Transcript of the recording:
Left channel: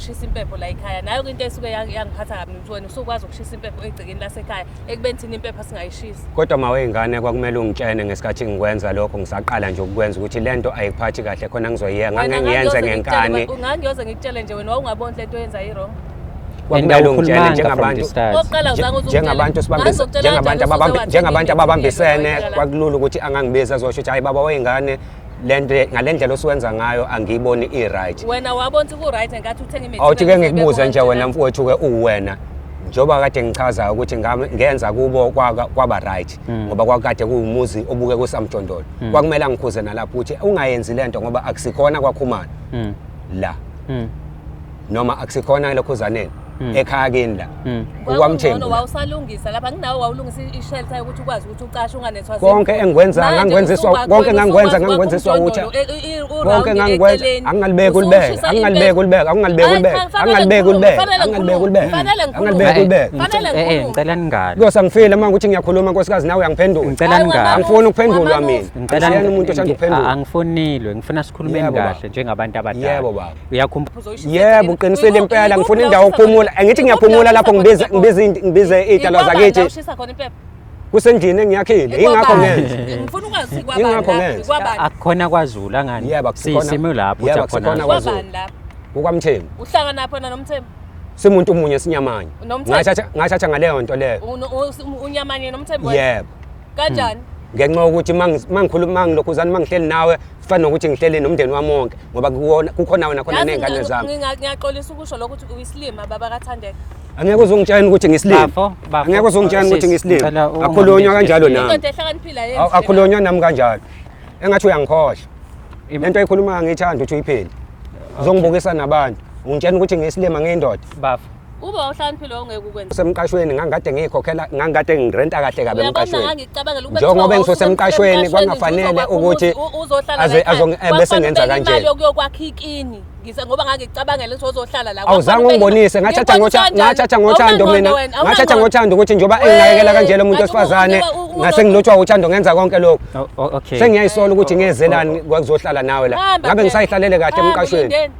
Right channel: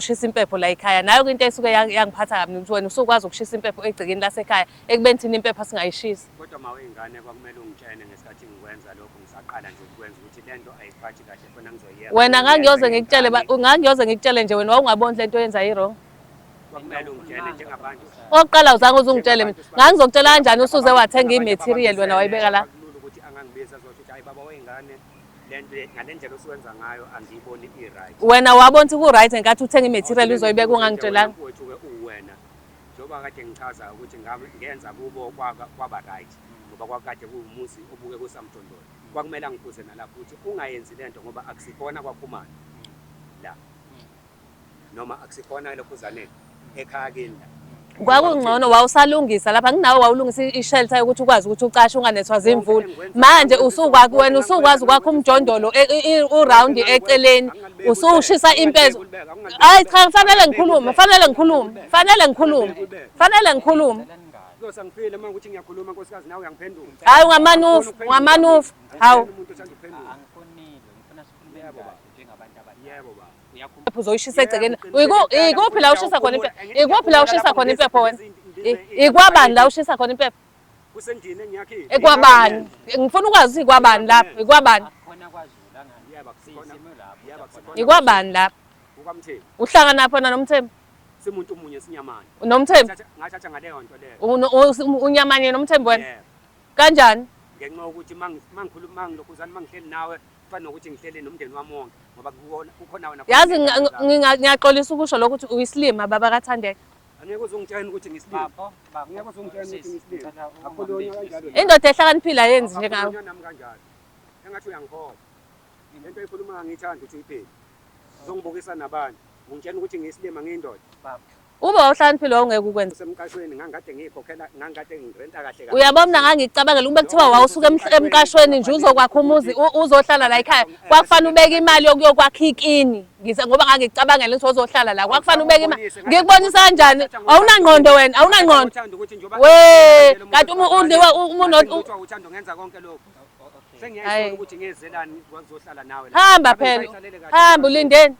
Ushisa impepho la ekhaya nayo into esuke yangiphatha kabi ukuthi wena usukwazi ukushisa impepho egcekeni lasekhaya ekubeni thina impepho singayishisi. Kodwa maweyingane kwakumele ungitshene ngesikhathi ngikwenza lokho ngisaqala nje ukukwenza ukuthi lento ayikuphathi kahle khona ngizoyiyenza. Wena ngangiyoze ngikutshele nje wena wawungaboni lento oyenza yirong. Kwakumele ungitshene njengabantu. Waqala uzange uzungitshele. Ngangizokutshela kanjani usuze wathenga njengabantu ababambisene kwakulula ukuthi angangibiza azosho ukuthi hayi baba weyingane ngalendlela osuwenza ngayo angiyiboni i-right. Wena wabona ukuthi ku-right ngenkathi uthenga i-material uzoyibeka ngikubuze nje wena mfowethu-ke uwena njengoba kade ngichaza ukuthi ngenza kubo kwaba right ngoba kwakade kuwumuzi obuke kusamjondolo kwakumele ngikhuze nalapho ukuthi ungayenzi lento ngoba akusikhona kwakhumana la noma akusikhona lokhuzaneni ekhaya kini la kwakungcono wawusalungisa lapha nginawe wawulungisa i-shelter ukuthi ukwazi ukuthi ucashe unganethwa zimvu konke engikwenza manje usuba kwena usukwazi kwakho umjondolo uround eceleni usushisa impepho fanele ngikhulume ngicela ningale kuyosangifile manje ukuthi ngiyakhuluma nkosikazi nawe uyangiphendula angifuni ukuphendula ngami umuntu othanda ukuphendula angifonilwe ngifuna sikhulumeni kahle njengabantu abadala yebo baba uyakhumbula yebo uqinisele impela ngifuna indawo ukuphumula angithi ngiyaphumula lapho ngibize iy'tshalo zakithi ushisa khona impepho kusendlini engiyakhile ngifuna ukwazi ukuthi kwabani lapha kwabani akukhona kwaZulu angani sisimo lapho uthi akhona kwabani lapha kukaMthembu uhlangana phona noMthembu simuntu munye sinyamanye ngathatha ngaleyo nto leyo unyamanye noMthembu yebo kanjani ngenxa yokuthi mangikhuluma ngilokhuzana mangihleli nawe fana nokuthi ngihleli nomndeni wami wonke ngoba kukhona wena khona nezingane zami ngiyaxolisa ukusho lokho ukuthi uyisilima baba kaThandeka angeke uzungitshela ukuthi ngisilima angeke uzungitshela ukuthi ngisilima akhulunywa kanjalo nami indoda ehlakaniphila yenzi akhulunywa nami kanjalo engathi uyangikhohlwa lento ayikhuluma ngiyithanda ukuthi uyiphile uzongibukisa nabantu ungitshela ukuthi ngisilima ngiyindoda bafo uba uhlakaniphila ongeke ukwenza semqashweni ngangikade ngikhokhela ngangikade ngirenta kahle kabi uyabona ngangicabangela ube kuthiwa wawusemqashweni uzokwakha umuzi uzohlala la ekhaya kwafanele ubeke imali yokwakha ikini ngoba ngangicabangela ukuthi uzohlala la kwafanele ubonise ngathatha ngothando ukuthi njengoba engayekela kanjalo umuntu wesifazane ngase ngilotshwa uthando ngenza konke lokho okay sengiyayisola ukuthi ngiyezelani kwakuzohlala nawe la ngabe ngisayihlalele kahle emqashweni